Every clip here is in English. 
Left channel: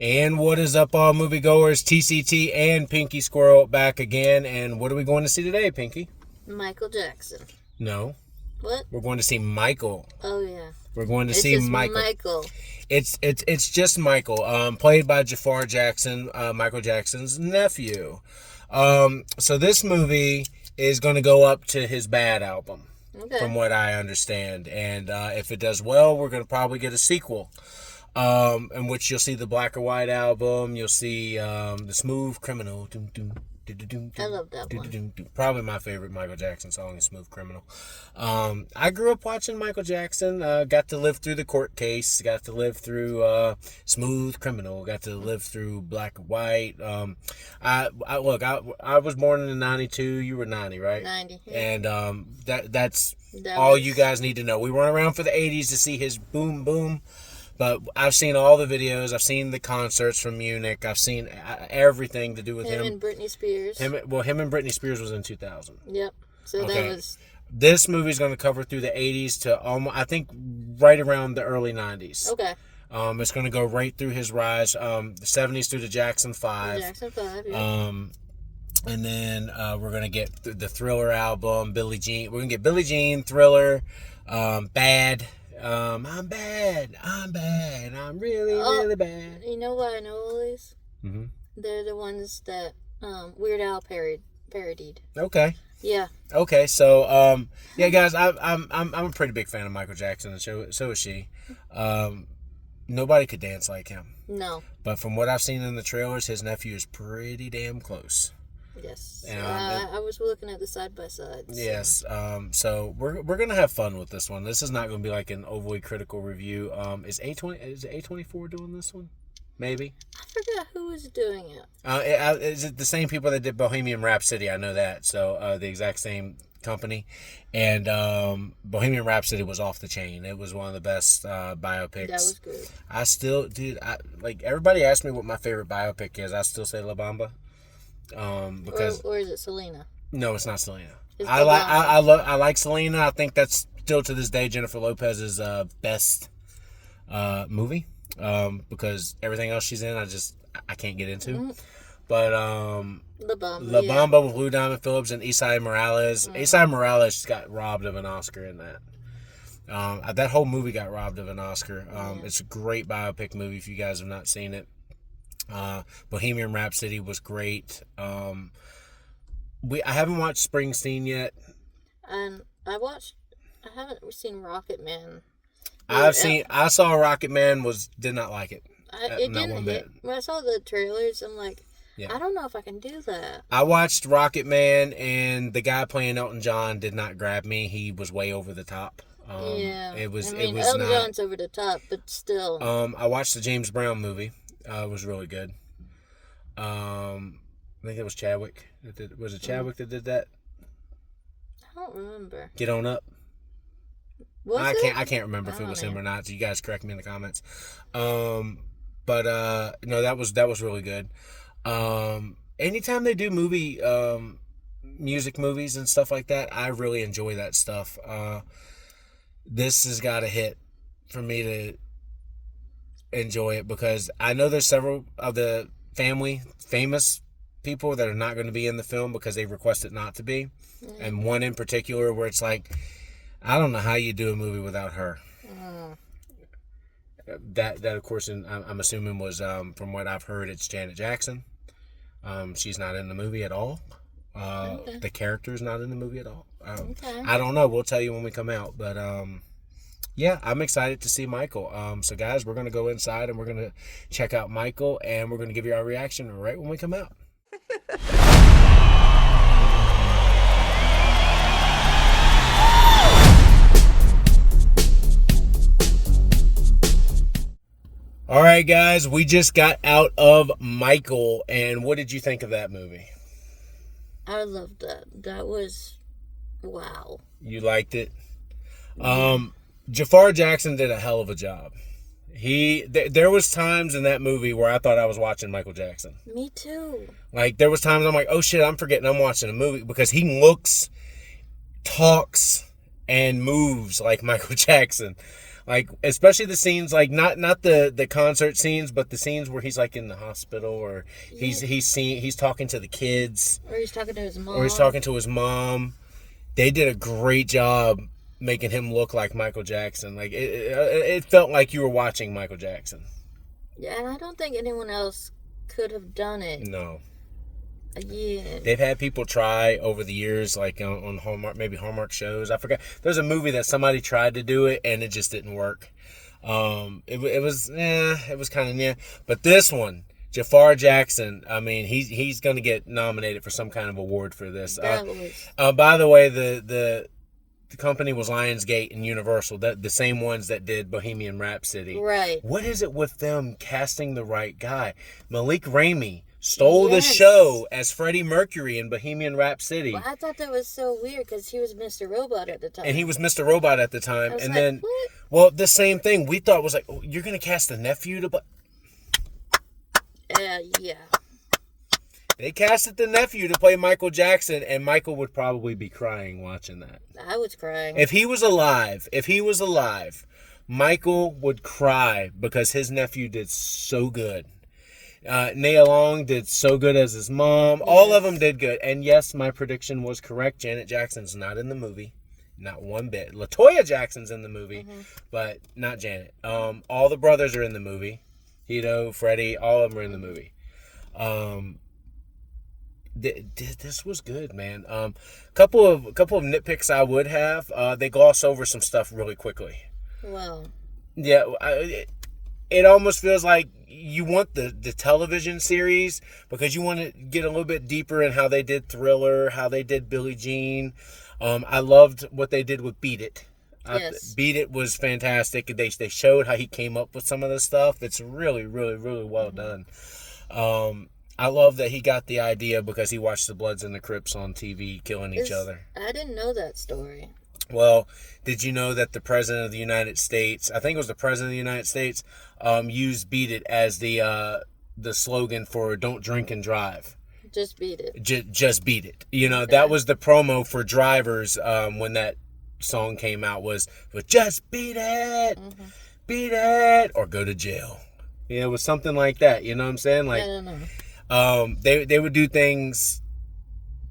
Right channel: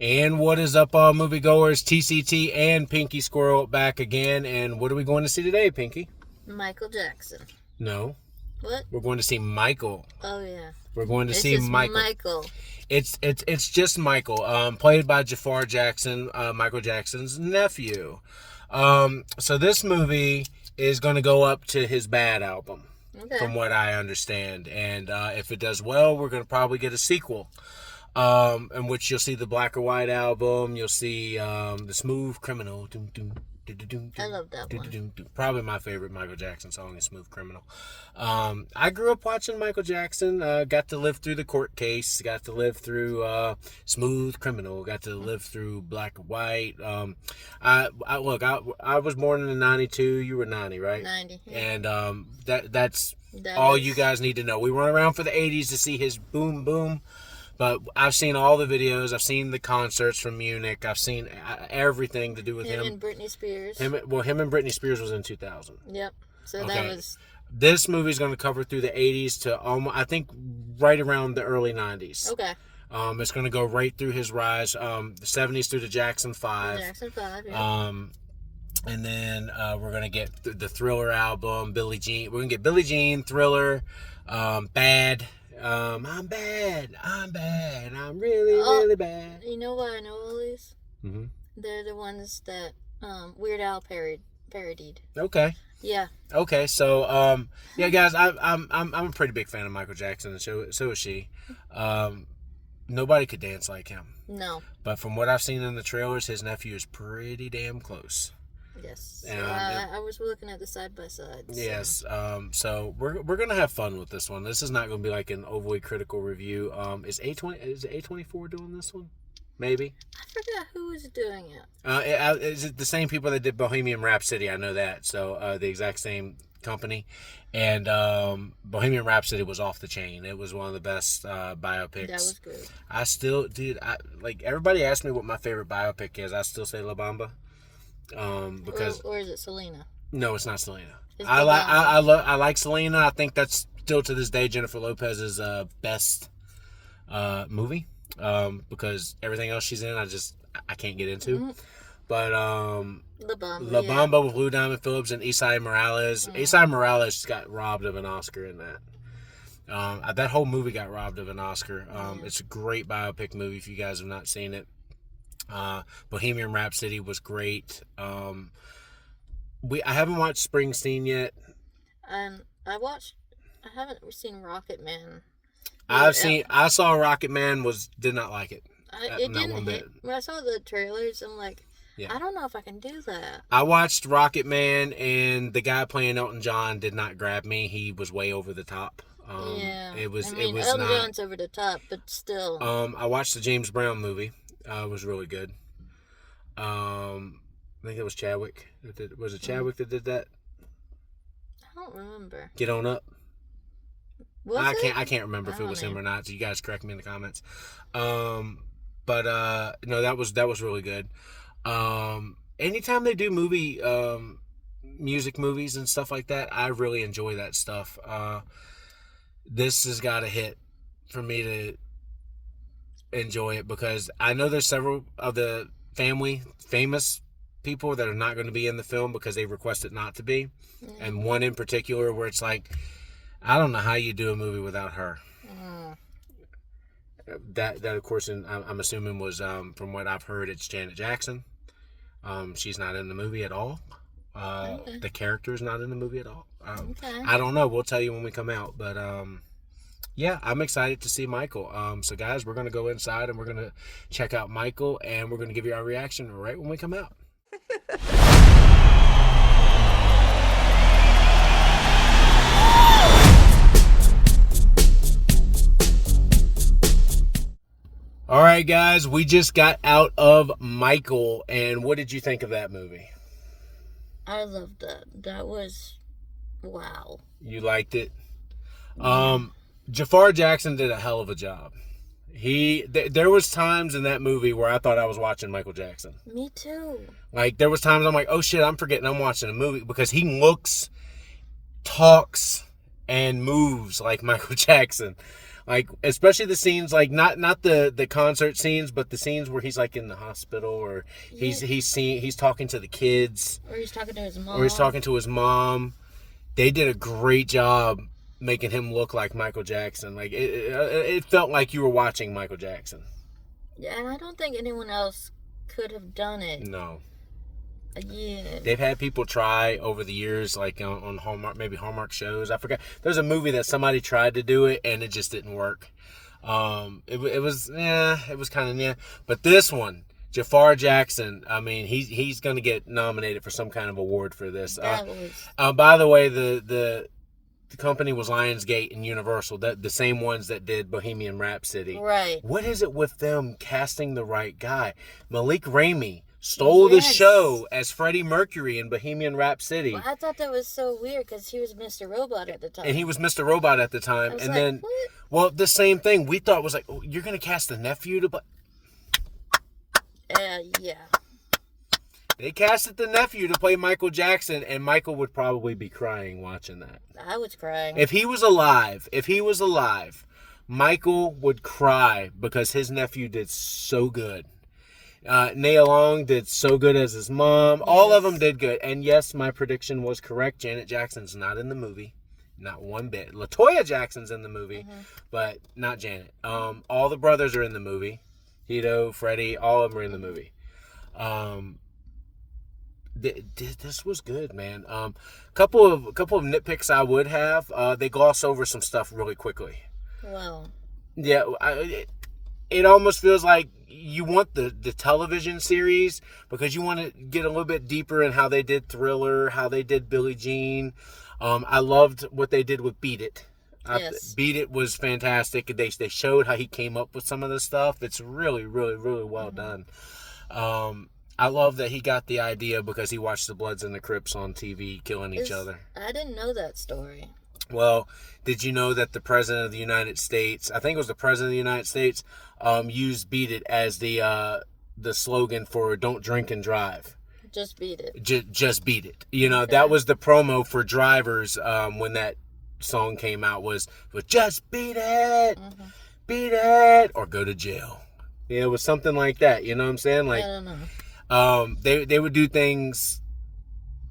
And what is up, all moviegoers? TCT and Pinky Squirrel back again. And what are we going to see today, Pinky? Michael Jackson. No. What? We're going to see Michael. Oh, yeah. We're going to see Michael. It's just Michael, played by Jaafar Jackson, Michael Jackson's nephew. So this movie is going to go up to his Bad album, from what I understand. And if it does well, we're going to probably get a sequel. In which you'll see the Black or White album, you'll see the Smooth Criminal. I love that one. Probably my favorite Michael Jackson song is Smooth Criminal. I grew up watching Michael Jackson. Got to live through the court case. Got to live through Smooth Criminal. Got to live through Black or White. I was born in 92. You were 90, right? 90. Yeah. And that's all you guys need to know. We weren't around for the 80s to see his boom boom. But I've seen all the videos. I've seen the concerts from Munich. I've seen everything to do with him. Him and Britney Spears. Him and Britney Spears was in 2000. Yep. So that was... This movie's going to cover through the 80s to almost, I think, right around the early 90s. Okay. It's going to go right through his rise, the 70s through to Jackson 5. Jackson 5, yeah. And then we're going to get the Thriller album, Billie Jean. We're going to get Billie Jean, Thriller, Bad... I'm bad. I'm really bad. You know why I know all these? Mm-hmm. They're the ones that Weird Al parodied. Okay. Yeah. Okay. So, yeah, guys, I'm a pretty big fan of Michael Jackson, and so is she. Nobody could dance like him. No. But from what I've seen in the trailers, his nephew is pretty damn close. Yes. I was looking at the side by side. So. Yes. So we're gonna have fun with this one. This is not gonna be like an overly critical review. Is A24 doing this one? Maybe. I forgot who was doing it. Is it the same people that did Bohemian Rhapsody? I know that. So the exact same company. And Bohemian Rhapsody was off the chain. It was one of the best biopics. That was good. I still, dude. Like everybody asks me what my favorite biopic is. I still say La Bamba. Because or is it Selena? No, it's not Selena. It's I like Selena. I think that's still to this day Jennifer Lopez's best movie. Because everything else she's in, I can't get into. Mm-hmm. But La Bamba with Lou Diamond Phillips and Isai Morales. Mm-hmm. Isai Morales got robbed of an Oscar in that. That whole movie got robbed of an Oscar. It's a great biopic movie if you guys have not seen it. Bohemian Rhapsody was great. I haven't watched Springsteen yet. And I haven't seen Rocket Man. I saw Rocket Man, did not like it. It didn't hit. When I saw the trailers, I'm like, I don't know if I can do that. I watched Rocket Man, and the guy playing Elton John did not grab me. He was way over the top. It was Elton John's over the top, but still. I watched the James Brown movie. It was really good. I think it was Chadwick. Was it Chadwick that did that? I don't remember. Get On Up. I can't remember if it was him or not. So you guys correct me in the comments. No, that was really good. Anytime they do music movies and stuff like that, I really enjoy that stuff. This has got a hit for me to enjoy it because I know there's several of the famous people that are not going to be in the film because they requested not to be. Mm-hmm. And one in particular where it's like, I don't know how you do a movie without her. Mm. That of course, I'm assuming was, from what I've heard, it's Janet Jackson. She's not in the movie at all. The character is not in the movie at all. I don't know. We'll tell you when we come out. But yeah, I'm excited to see Michael. So guys, we're going to go inside and we're going to check out Michael, and we're going to give you our reaction right when we come out. All right, guys, we just got out of Michael, and what did you think of that movie? I loved that. That was, wow. You liked it? Jaafar Jackson did a hell of a job. There was times in that movie where I thought I was watching Michael Jackson. Me too. Like, there was times I'm like, oh shit, I'm forgetting I'm watching a movie, because he looks, talks, and moves like Michael Jackson. Like, especially the scenes, like, not the concert scenes, but the scenes where he's, like, in the hospital, or he's talking to the kids. Or he's talking to his mom. They did a great job making him look like Michael Jackson. Like, it felt like you were watching Michael Jackson. Yeah, and I don't think anyone else could have done it. No. Yeah. They've had people try over the years, like on Hallmark, maybe Hallmark shows. I forgot. There's a movie that somebody tried to do it, and it just didn't work. It was kind of But this one, Jaafar Jackson, I mean, he's going to get nominated for some kind of award for this. By the way, the company was Lionsgate and Universal, the same ones that did Bohemian Rhapsody. Right. What is it with them casting the right guy? Malik Ramey stole the show as Freddie Mercury in Bohemian Rhapsody. Well, I thought that was so weird because he was Mr. Robot at the time. And he was Mr. Robot at the time. And then, what? Well, the same thing. We thought was like, oh, you're going to cast the nephew to play? Yeah. They casted the nephew to play Michael Jackson, and Michael would probably be crying watching that. I was crying. If he was alive, Michael would cry because his nephew did so good. Nia Long did so good as his mom. Yes. All of them did good. And yes, my prediction was correct. Janet Jackson's not in the movie. Not one bit. LaToya Jackson's in the movie, but not Janet. All the brothers are in the movie. Hito, Freddie, all of them are in the movie. This was good, man. Couple of nitpicks I would have. They gloss over some stuff really quickly. Well. Yeah, it almost feels like you want the television series because you want to get a little bit deeper in how they did Thriller, how they did Billie Jean. I loved what they did with Beat It. Yes. Beat It was fantastic. They showed how he came up with some of the stuff. It's really, really, really well done. I love that he got the idea because he watched the Bloods and the Crips on TV killing each other. I didn't know that story. Well, did you know that the President of the United States, I think it was the President of the United States, used Beat It as the slogan for Don't Drink and Drive. Just beat it. Just beat it. You know, that was the promo for drivers when that song came out was just beat it. Beat it. Or go to jail. You know, it was something like that. You know what I'm saying? Like, I don't know. They would do things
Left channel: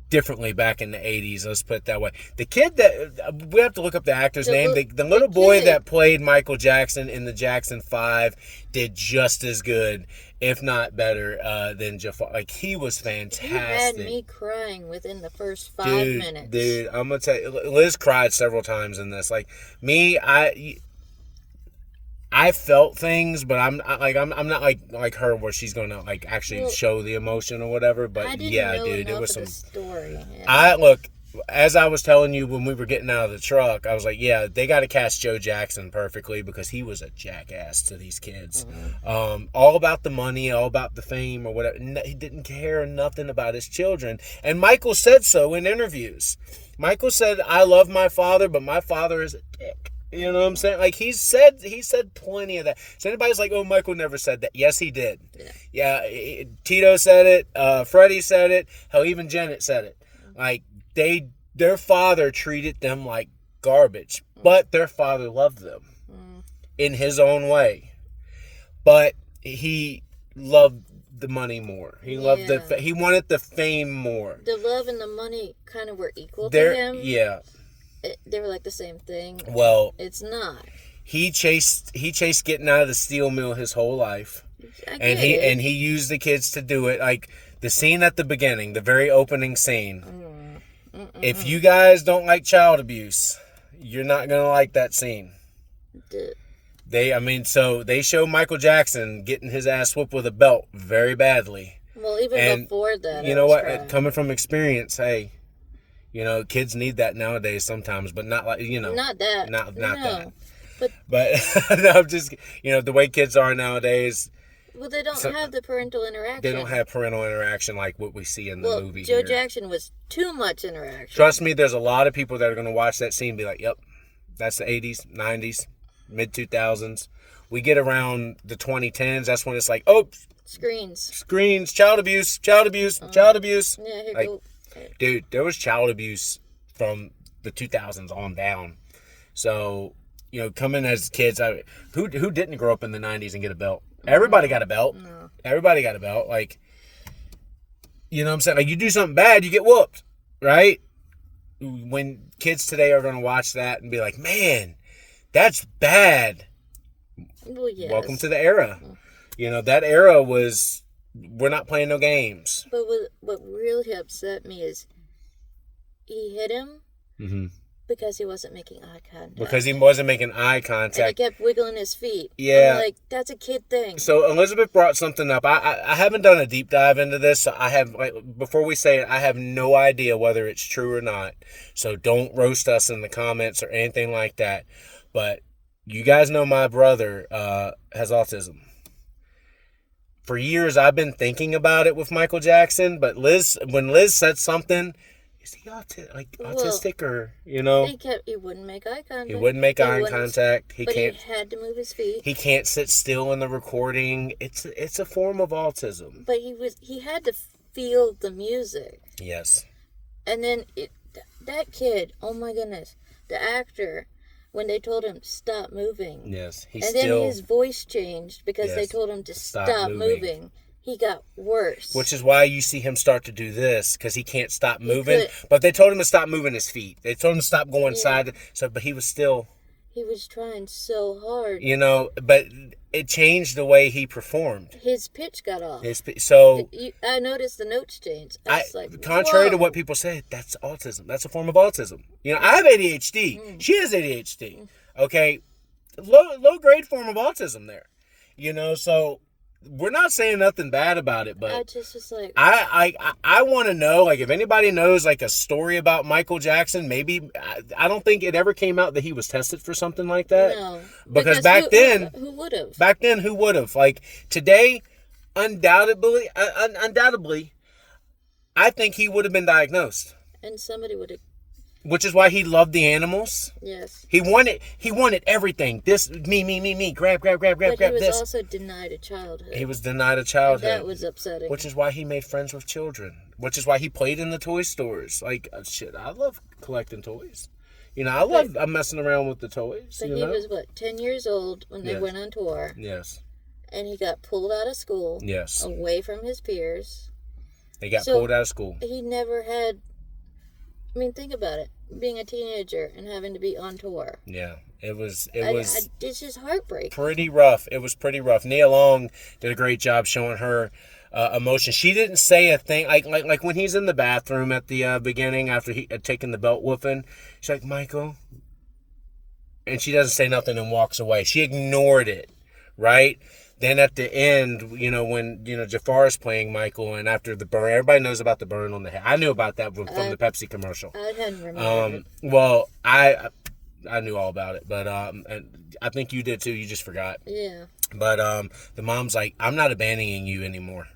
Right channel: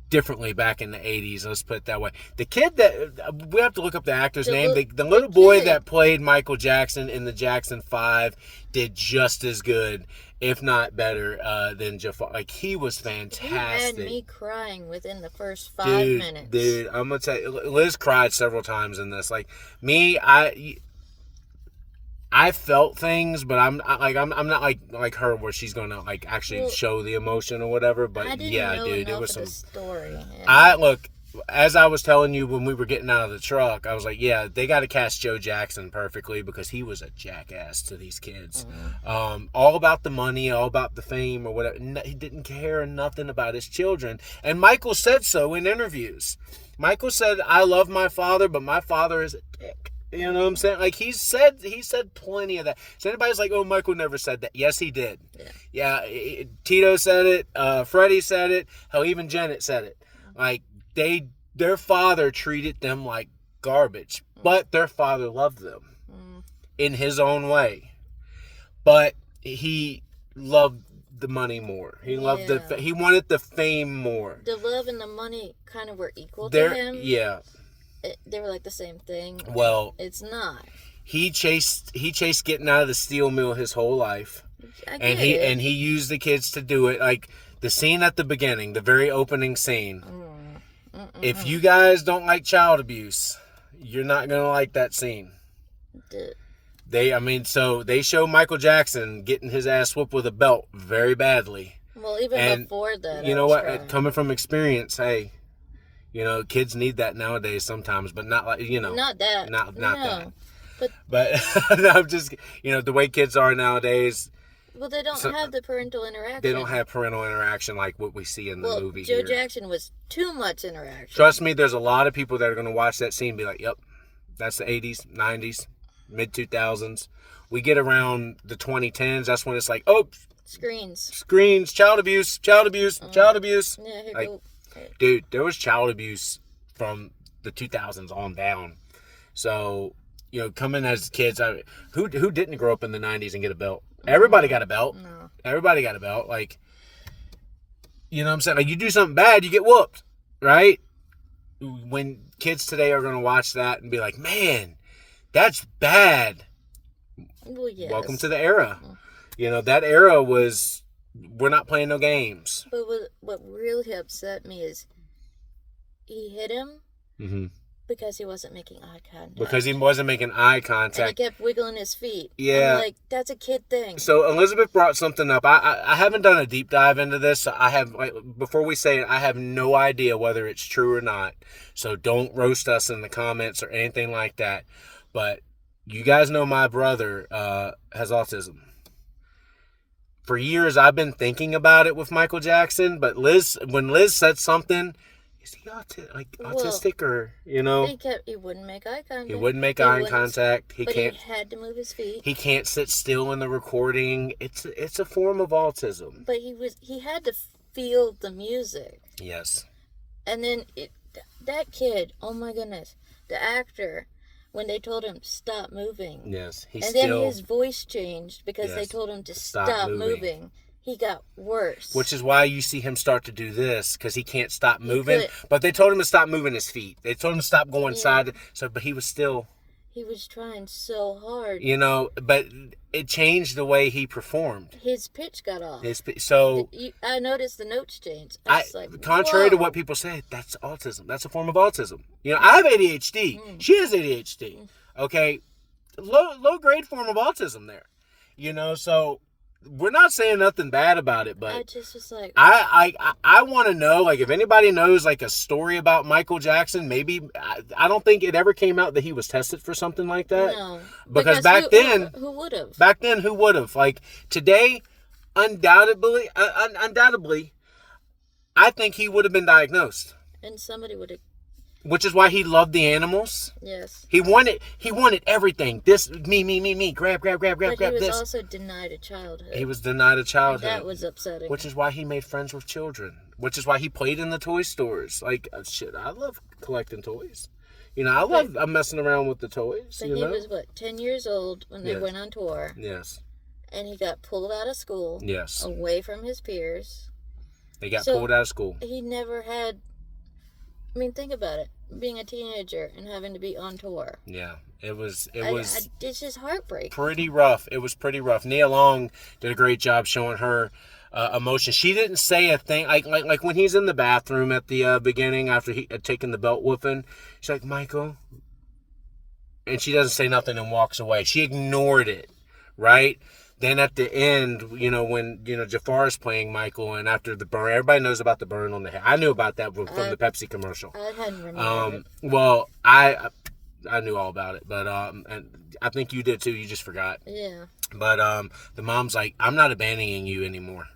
differently back in the 80s. Let's put it that way. The kid that we have to look up the actor's name. The little boy that played Michael Jackson in the Jackson 5 did just as good, if not better, than Jaafar. Like, he was fantastic. He had me crying within the first 5 minutes. Dude, I'm gonna tell you, Liz cried several times in this. Like me, I felt things, but I'm not like her where she's gonna like actually show the emotion or whatever. But I didn't yeah, know dude, enough it was of some the story. Yeah. I look, as I was telling you when we were getting out of the truck, I was like, yeah, they got to cast Joe Jackson perfectly because he was a jackass to these kids. All about the money, all about the fame or whatever. He didn't care nothing about his children. And Michael said so in interviews. Michael said, I love my father, but my father is a dick. You know what I'm saying? Like, he said plenty of that. So anybody's like, oh, Michael never said that. Yes, he did. Yeah, Tito said it. Freddie said it. Hell, even Janet said it. Like, their father treated them like garbage, but their father loved them in his own way. But he loved the money more. He loved he wanted the fame more. The love and the money kind of were equal to him. Yeah. They were like the same thing. Well, it's not. He chased getting out of the steel mill his whole life. And he used the kids to do it. Like the scene at the beginning, the very opening scene. If you guys don't like child abuse, you're not gonna like that scene. So they show Michael Jackson getting his ass whooped with a belt very badly. Well, even before that, you know what? Coming from experience, hey, you know, kids need that nowadays sometimes, but not like, you know, not that, not that. But I'm just, you know, the way kids are nowadays. Well, they don't have the parental interaction. They don't have parental interaction like what we see in the movie. Joe Jackson was too much interaction. Trust me, there's a lot of people that are going to watch that scene and be like, yep, that's the 80s, 90s, mid-2000s. We get around the 2010s, that's when it's like, oh, screens, child abuse. Yeah, here go. Dude, there was child abuse from the 2000s on down. So coming as kids, who didn't grow up in the 90s and get a belt? Everybody got a belt. No. Everybody got a belt. Like, you know what I'm saying? Like, you do something bad, you get whooped, right? When kids today are going to watch that and be like, man, that's bad. Well, yes. Welcome to the era. That era was, we're not playing no games. But what really upset me is he hit him because he wasn't making eye contact. Because he wasn't making eye contact. And he kept wiggling his feet. Yeah. I'm like, that's a kid thing. So Elizabeth brought something up. I haven't done a deep dive into this. So I have, before we say it, I have no idea whether it's true or not. So don't roast us in the comments or anything like that. But you guys know my brother has autism. For years, I've been thinking about it with Michael Jackson. But when Liz said something, is he autistic or, He wouldn't make eye contact. He wouldn't make eye contact. He had to move his feet. He can't sit still in the recording. It's a form of autism. But he had to feel the music. Yes. And then that kid, oh my goodness, the actor, when they told him stop moving. Yes. Then his voice changed because they told him to stop moving. He got worse. Which is why you see him start to do this, because he can't stop moving. But they told him to stop moving his feet. They told him to stop going side. But he was still... He was trying so hard. But it changed the way he performed. His pitch got off. I noticed the notes changed. Contrary to what people say, that's autism. That's a form of autism. I have ADHD. She has ADHD. Okay? Low grade form of autism there. So... We're not saying nothing bad about it, but I just was like, I want to know, like, if anybody knows, like, a story about Michael Jackson. Maybe I don't think it ever came out that he was tested for something like that. No, because back then, who would have? Back then, who would have? Like today, undoubtedly, I think he would have been diagnosed, and somebody would have. Which is why he loved the animals. Yes. He wanted everything. This, me. Grab But this. He was also denied a childhood. He was denied a childhood. And that was upsetting. Which is why he made friends with children. Which is why he played in the toy stores. Like, shit, I love collecting toys. I'm messing around with the toys. But he was, 10 years old when they went on tour. Yes. And he got pulled out of school. Yes. Away from his peers. He got pulled out of school. He never had... I mean, think about it. Being a teenager and having to be on tour. Yeah, it was. It's just heartbreak. Pretty rough. It was pretty rough. Nia Long did a great job showing her emotion. She didn't say a thing. Like when he's in the bathroom at the beginning after he had taken the belt whooping. She's like, Michael. And she doesn't say nothing and walks away. She ignored it, right? Then at the end, when, Jaafar is playing Michael, and after the burn, everybody knows about the burn on the head. I knew about that from the Pepsi commercial. I hadn't remembered it. Well, I knew all about it, but and I think you did too. You just forgot. Yeah. But the mom's like, I'm not abandoning you anymore.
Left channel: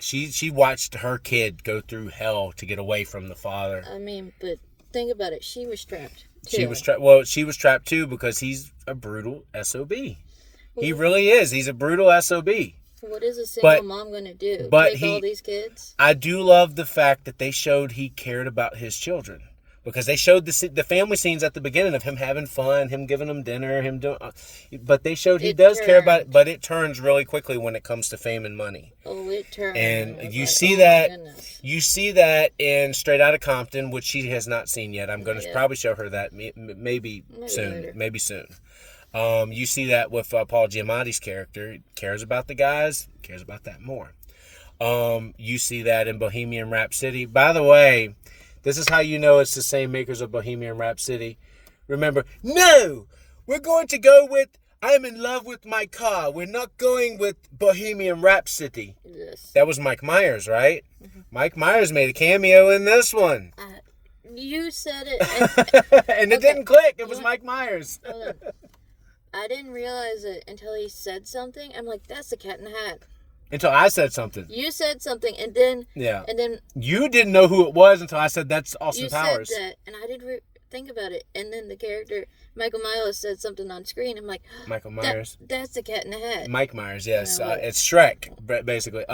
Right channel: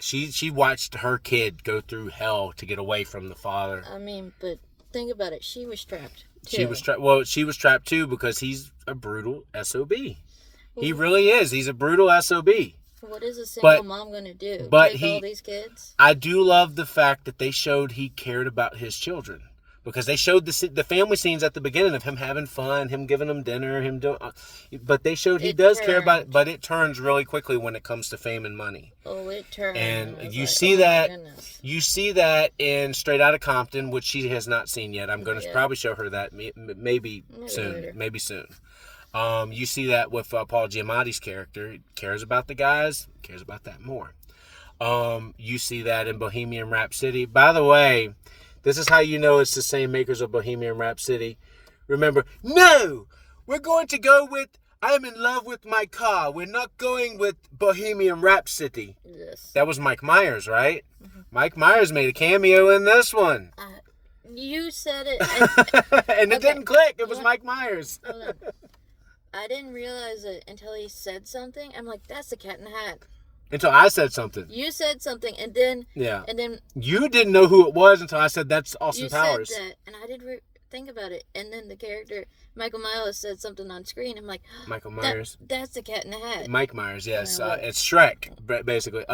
She watched her kid go through hell to get away from the father. I mean, but think about it. She was trapped too. She was trapped too because he's a brutal SOB. He really is. He's a brutal SOB. What is a single mom going to do? Take all these kids? I do love the fact that they showed he cared about his children. Because they showed the family scenes at the beginning of him having fun, him giving them dinner, him doing... But they showed he does care about it, but it turns really quickly when it comes to fame and money. Oh, it turns. And you see that... You see that in Straight Outta Compton, which she has not seen yet. I'm going to probably show her that maybe soon. Later. Maybe soon. You see that with Paul Giamatti's character. He cares about the guys, cares about that more. You see that in Bohemian Rhapsody. By the way, this is how you know it's the same makers of Bohemian Rhapsody. Remember, no! We're going to go with I'm in love with my car. We're not going with Bohemian Rhapsody. Yes. That was Mike Myers, right? Mm-hmm. Mike Myers made a cameo in this one. You said it. And it didn't click. It was Mike Myers. I didn't realize it until he said something. I'm like, that's the Cat in the Hat. Until I said something. You said something, and then... Yeah. And then... You didn't know who it was until I said, that's Austin Powers. You said that, and I didn't think about it. And then the character, Michael Myers, said something on screen. I'm like... Michael Myers. That's the Cat in the Hat. Mike Myers, yes. It's Shrek, basically.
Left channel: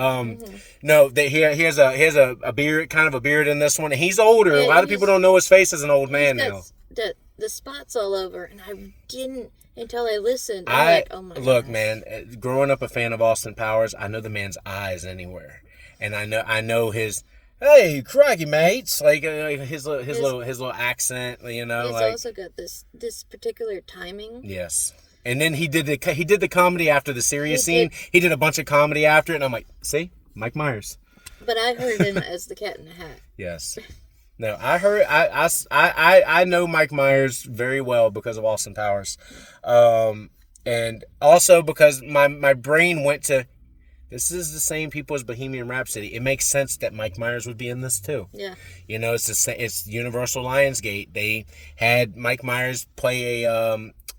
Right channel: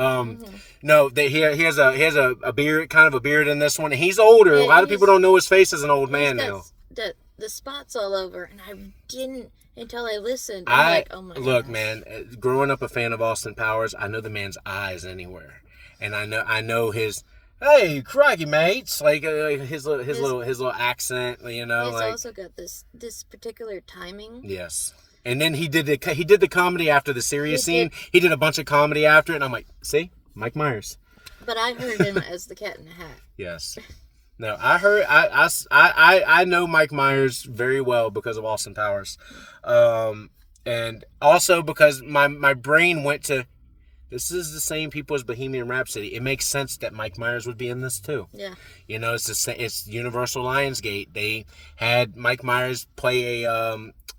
No, he has a beard, kind of a beard in this one. And he's older. A lot of people don't know his face as an old man now. the spots all over, and I didn't until I listened. I'm like, oh my look, gosh. man. Growing up a fan of Austin Powers, I know the man's eyes anywhere, and I know his. Hey, crikey, mates! Like his little accent, you know. He's like, also got this particular timing. Yes, and then he did the comedy after the serious scene. He did a bunch of comedy after it, and I'm like, see, Mike Myers. But I heard him as the Cat in the Hat. Yes. No, I know Mike Myers very well because of Austin Powers, and also because my brain went to. This is the same people as Bohemian Rhapsody. It makes sense that Mike Myers would be in this too. Yeah. You know, it's Universal Lionsgate. They had Mike Myers play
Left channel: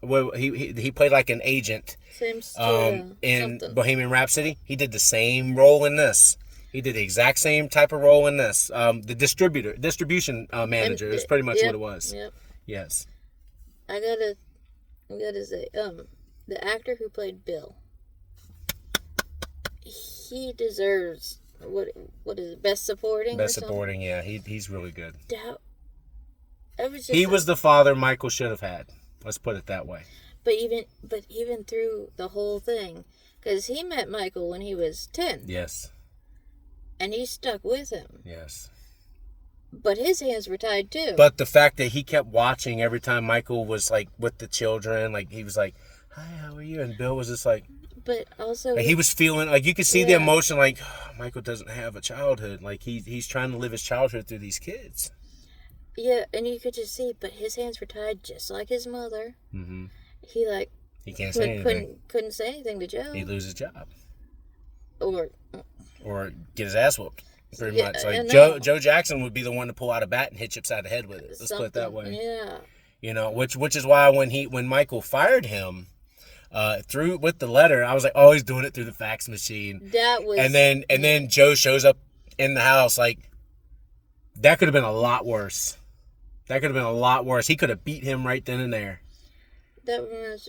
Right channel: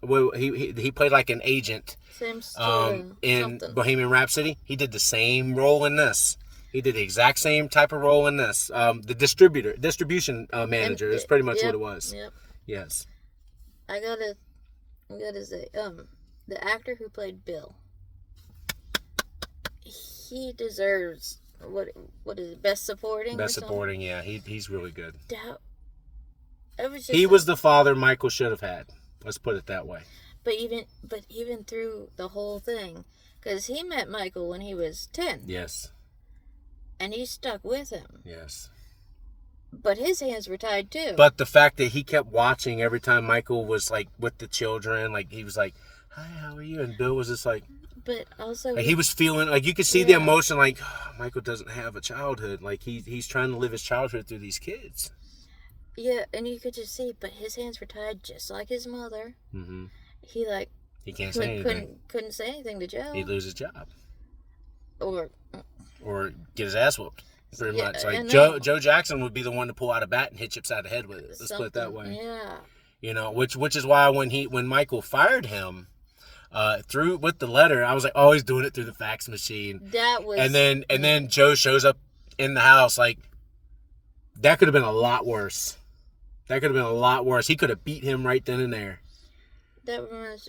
he played like an agent in something. Bohemian Rhapsody. He did the same role in this. He did the exact same type of role in this. The distribution manager is pretty much what it was. Yep. Yes. I gotta say, the actor who played Bill, he deserves what is it, best supporting? Best supporting, yeah. He's really good. He was the father Michael should have had. Let's put it that way. But even through the whole thing, because he met Michael when he was 10. Yes. And he stuck with him. Yes. But his hands were tied too. But the fact that he kept watching every time Michael was like with the children, like he was like, "Hi, how are you?" And Bill was just like. But also, like he was feeling like you could see the emotion. Like Michael doesn't have a childhood. Like he's trying to live his childhood through these kids. Yeah, and you could just see. But his hands were tied, just like his mother. Mm-hmm. He can't say anything. Couldn't say anything to Joe. He'd lose his job. Or get his ass whooped. Pretty much. Like Joe Jackson would be the one to pull out a bat and hit Chip side the head with it. Let's put it that way. Yeah. You know, which is why when Michael fired him. Through with the letter, I was like, oh, he's doing it through the fax machine. That was, and then Joe shows up in the house. Like that could have been a lot worse. He could have beat him right then and there. That reminds.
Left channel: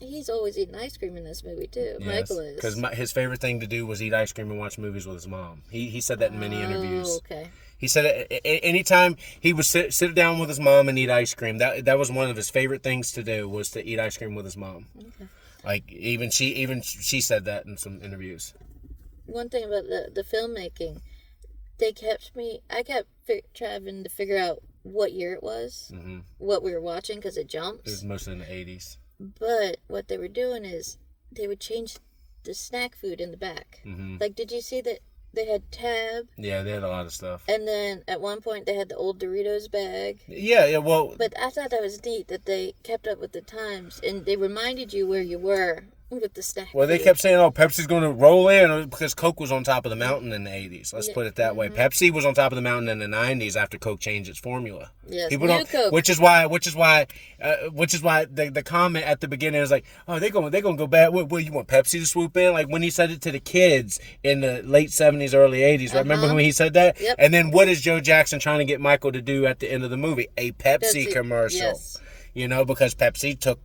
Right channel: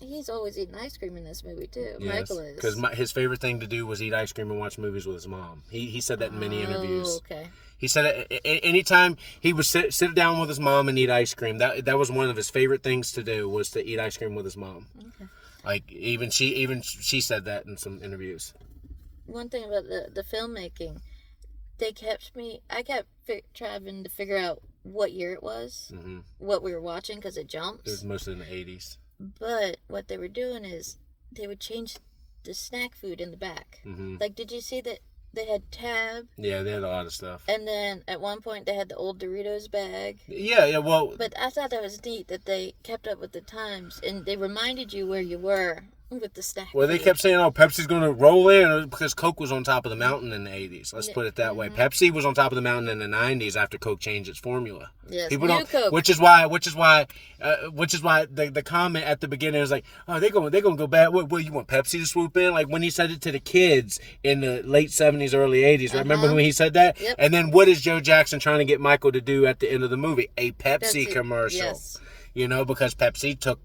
He's always eating ice cream in this movie too. Yes, Michael is, because his favorite thing to do was eat ice cream and watch movies with his mom. He said that in many interviews. Okay. He said anytime he would sit down with his mom and eat ice cream, that was one of his favorite things to do, was to eat ice cream with his mom. Okay. Like even she said that in some interviews. One thing about the filmmaking, I kept trying to figure out what year it was, what we were watching, because it jumps. It was mostly in the 80s. But what they were doing is they would change the snack food in the back. Mm-hmm. Like, did you see that? They had Tab. Yeah, they had a lot of stuff. And then at one point they had the old Doritos bag. Yeah, well. But I thought that was neat that they kept up with the times and they reminded you where you were with the snack. Well, they kept saying, "Oh, Pepsi's going to roll in," because Coke was on top of the mountain in the 80s. Let's put it that way. Pepsi was on top of the mountain in the 90s after Coke changed its formula. Yes, people don't. Coke. Which is why the comment at the beginning is like, "Oh, they're going to go bad. What you want Pepsi to swoop in?" Like when he said it to the kids in the late 70s, early 80s. Remember when he said that? Yep. And then what is Joe Jackson trying to get Michael to do at the end of the movie? A Pepsi commercial. Yes. You know, because Pepsi took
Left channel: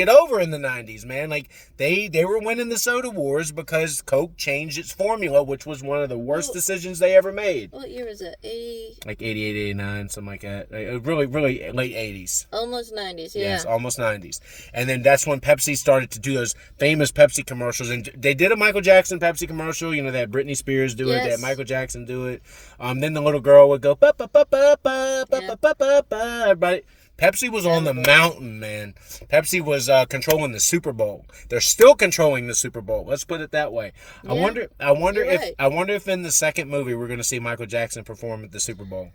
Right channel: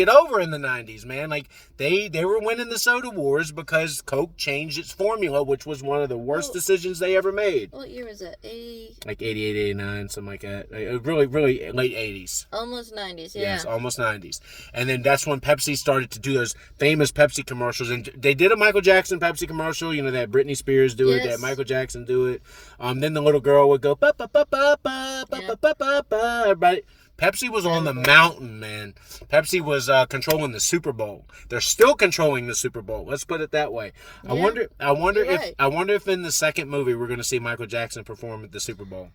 it over in the 90s, man. Like, they were winning the soda wars because Coke changed its formula, which was one of the worst decisions they ever made. What year was that? 80? Like 88, 89, something like that. Really, really late 80s. Almost 90s, yeah. Yes, almost 90s. And then that's when Pepsi started to do those famous Pepsi commercials. And they did a Michael Jackson Pepsi commercial. You know, they had Britney Spears do it. They had Michael Jackson do it. Then the little girl would go, ba ba ba ba ba ba ba ba ba. Everybody... Pepsi was on the mountain, man. Pepsi was controlling the Super Bowl. They're still controlling the Super Bowl. Let's put it that way. Yeah. I wonder if in the second movie we're going to see Michael Jackson perform at the Super Bowl.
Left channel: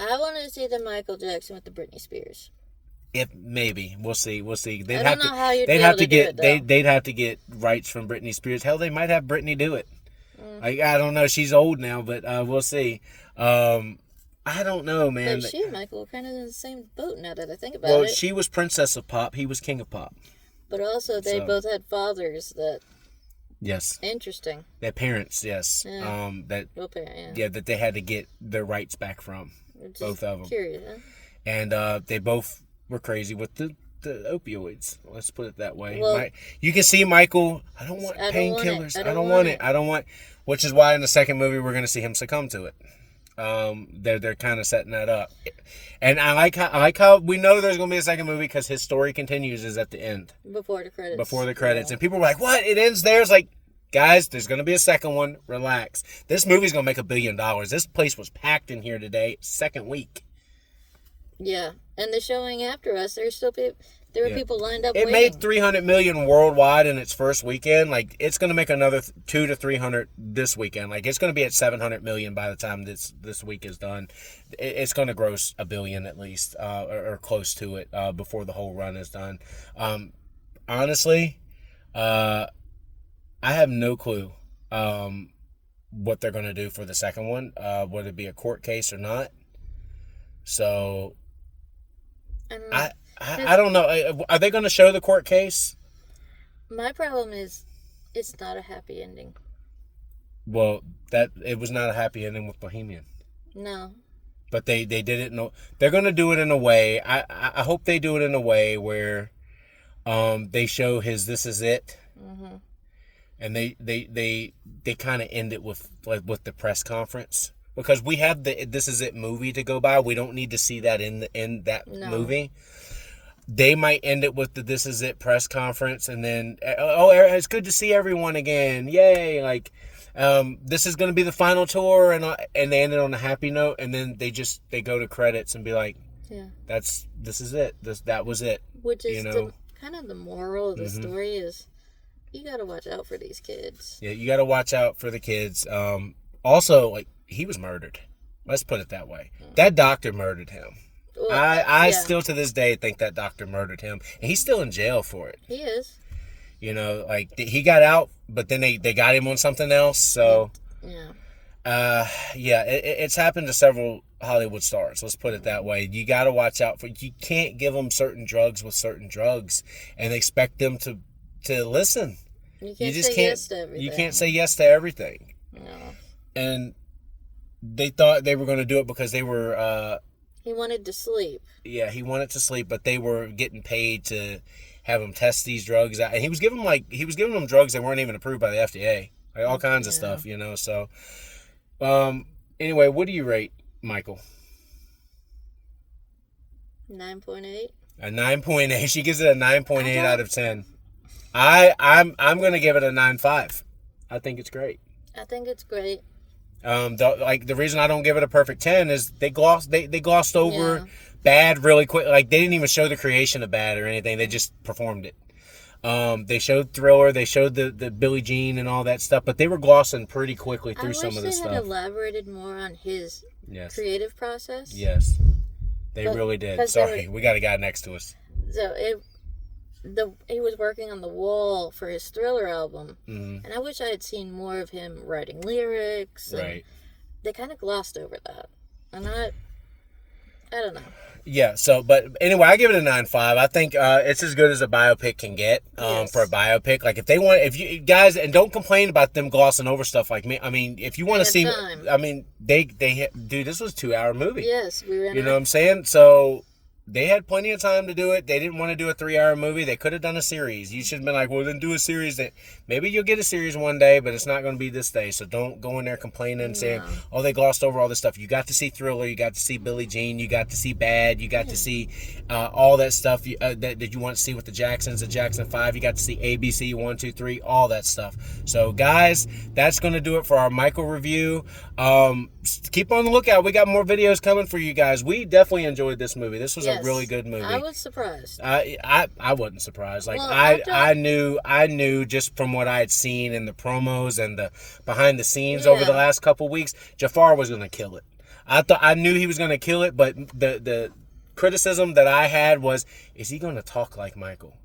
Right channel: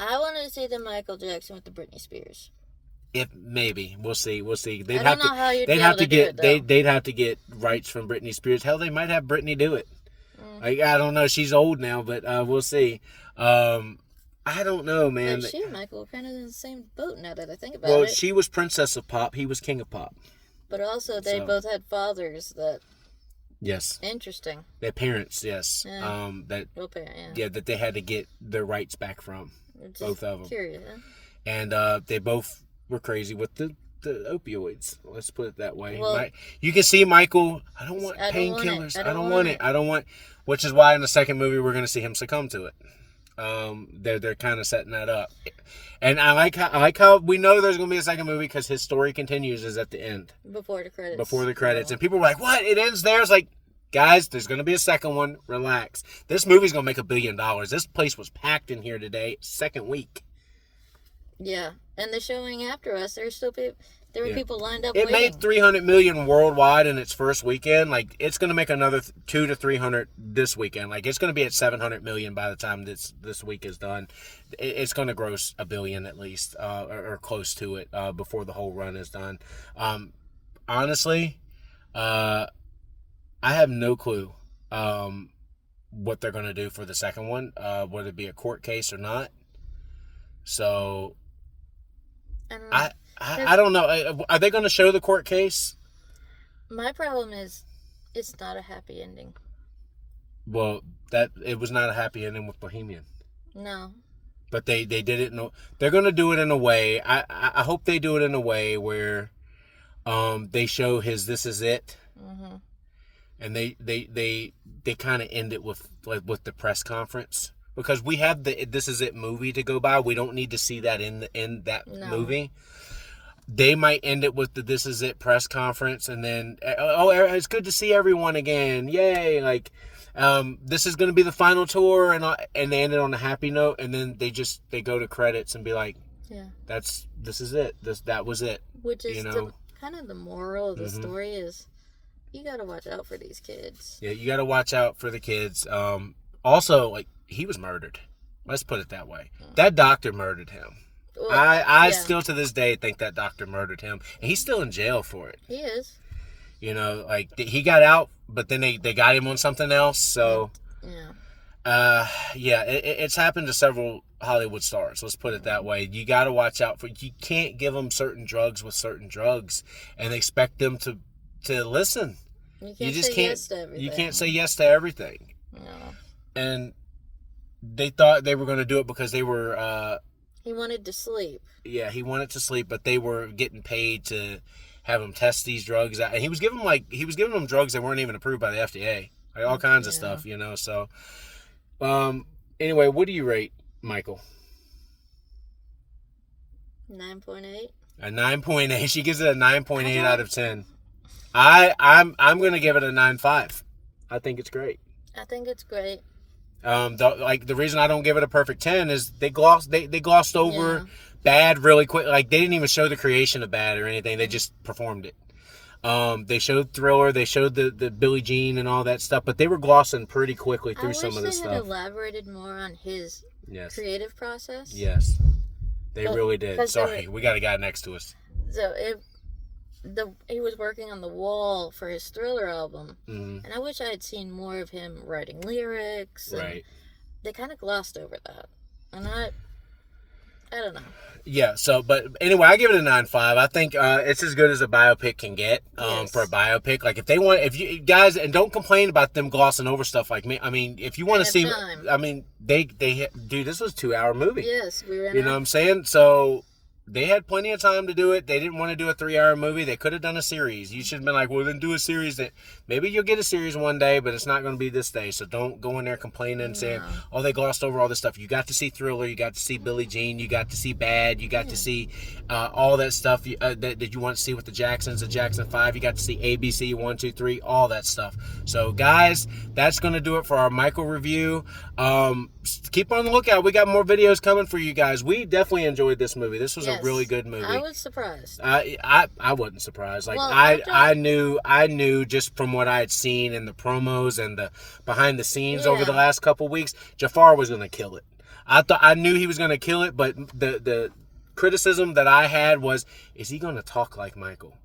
I want to see the Michael Jackson with the Britney Spears. If maybe we'll see. They'd have to get rights from Britney Spears. Hell, they might have Britney do it. Like, I don't know. She's old now, but we'll see. I don't know, man. But she and Michael were kind of in the same boat now that I think about it. Well, she was Princess of Pop. He was King of Pop. But also, they both had fathers that... Yes. Interesting. Their parents, yes. Yeah. That they had to get their rights back from. Both of them. Curious, huh? And they both were crazy with the opioids. Let's put it that way. Well, you can see Michael, I don't want painkillers. I don't want it. Which is why in the second movie we're going to see him succumb to it. They're kind of setting that up, and I like how we know there's gonna be a second movie because his story continues is at the end before the credits. And people were like, "What? It ends there?" It's like, guys, there's gonna be a second one. Relax. This movie's gonna make $1 billion. This place was packed in here today, second week. Yeah, and the showing after us, there's still people. There were people lined up. It made $300 million worldwide in its first weekend. Like, it's going to make another 200 to 300 this weekend. Like, it's going to be at $700 million by the time this week is done. It's going to gross $1 billion at least, or close to it, before the whole run is done. Honestly, I have no clue what they're going to do for the second one, whether it be a court case or not. So, I don't know. Are they going to show the court case? My problem is, it's not a happy ending. Well, it was not a happy ending with Bohemian. No. But they did it. They're going to do it in a way. I hope they do it in a way where, they show his "This Is It," and they kind of end it with the press conference, because we have the "This Is It" movie to go by. We don't need to see that in that movie. They might end it with the "This Is It" press conference, and then, it's good to see everyone again. Yay. Like, this is going to be the final tour, and they end it on a happy note, and then they go to credits and be like, yeah, this is it. That was it. Which is kind of the moral of the story is, you got to watch out for these kids. Yeah, you got to watch out for the kids. Also, like, he was murdered. Let's put it that way. That doctor murdered him. Well, I still to this day think that doctor murdered him, and he's still in jail for it. He is. Like, he got out, but then they got him on something else. So, it's happened to several Hollywood stars. Let's put it that way. You got to watch out for. You can't give them certain drugs with certain drugs and expect them to listen. You just can't say yes to everything. You can't say yes to everything. No. And they thought they were going to do it because they were. He wanted to sleep. Yeah, he wanted to sleep, but they were getting paid to have him test these drugs out, and he was giving them drugs that weren't even approved by the FDA, like all kinds of stuff, So, anyway, what do you rate Michael? 9.8. A 9.8. She gives it a 9.8 out of 10. I'm gonna give it a 9.5. I think it's great. I think it's great. The reason I don't give it a perfect 10 is they glossed over Bad really quick. Like, they didn't even show the creation of Bad or anything. They just performed it. They showed Thriller, they showed the Billie Jean and all that stuff, but they were glossing pretty quickly through some of this stuff. I wish they had elaborated more on his creative process. Yes, they really did. Sorry, we got a guy next to us. So he was working on The Wall for his Thriller album, and I wish I had seen more of him writing lyrics. And they kind of glossed over that, and I don't know. Yeah, but anyway, I give it a 9.5. I think it's as good as a biopic can get for a biopic. Like, if you guys, and don't complain about them glossing over stuff like me. I mean, if you want to see, time. I mean, dude, this was a 2-hour movie. Yes, we ran. You know what I'm saying? So they had plenty of time to do it. They didn't want to do a 3-hour movie. They could have done a series. You should have been like, well, then do a series. Maybe you'll get a series one day, but it's not going to be this day. So don't go in there complaining and saying, oh, they glossed over all this stuff. You got to see Thriller. You got to see Billie Jean. You got to see Bad. You got to see all that stuff that you want to see with the Jacksons, the Jackson 5. You got to see ABC 1, 2, 3, all that stuff. So, guys, that's going to do it for our Michael review. Keep on the lookout. We got more videos coming for you guys. We definitely enjoyed this movie. This was a really good movie. I was surprised. I wasn't surprised. Like, I knew just from what I had seen in the promos and the behind the scenes over the last couple weeks, Jaafar was going to kill it. I knew he was going to kill it, but the criticism that I had was, is he going to talk like Michael?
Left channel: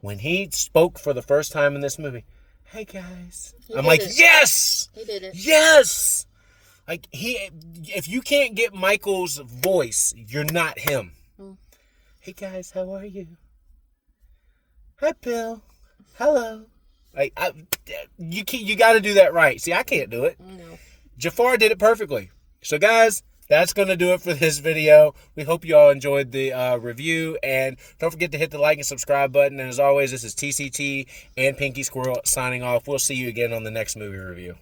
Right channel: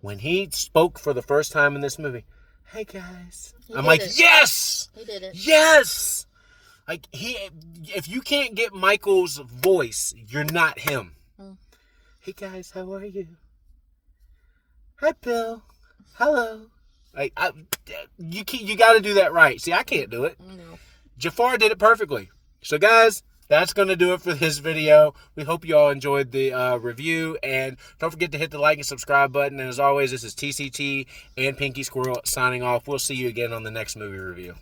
When he spoke for the first time in this movie, hey guys, I'm like, yes! He did it. Yes! Like, if you can't get Michael's voice, you're not him. Hey guys, how are you? Hi Bill. Hello. Like, you got to do that right. See, I can't do it. No. Jaafar did it perfectly. So guys, that's going to do it for this video. We hope you all enjoyed the review, and don't forget to hit the like and subscribe button. And as always, this is TCT and Pinky Squirrel signing off. We'll see you again on the next movie review.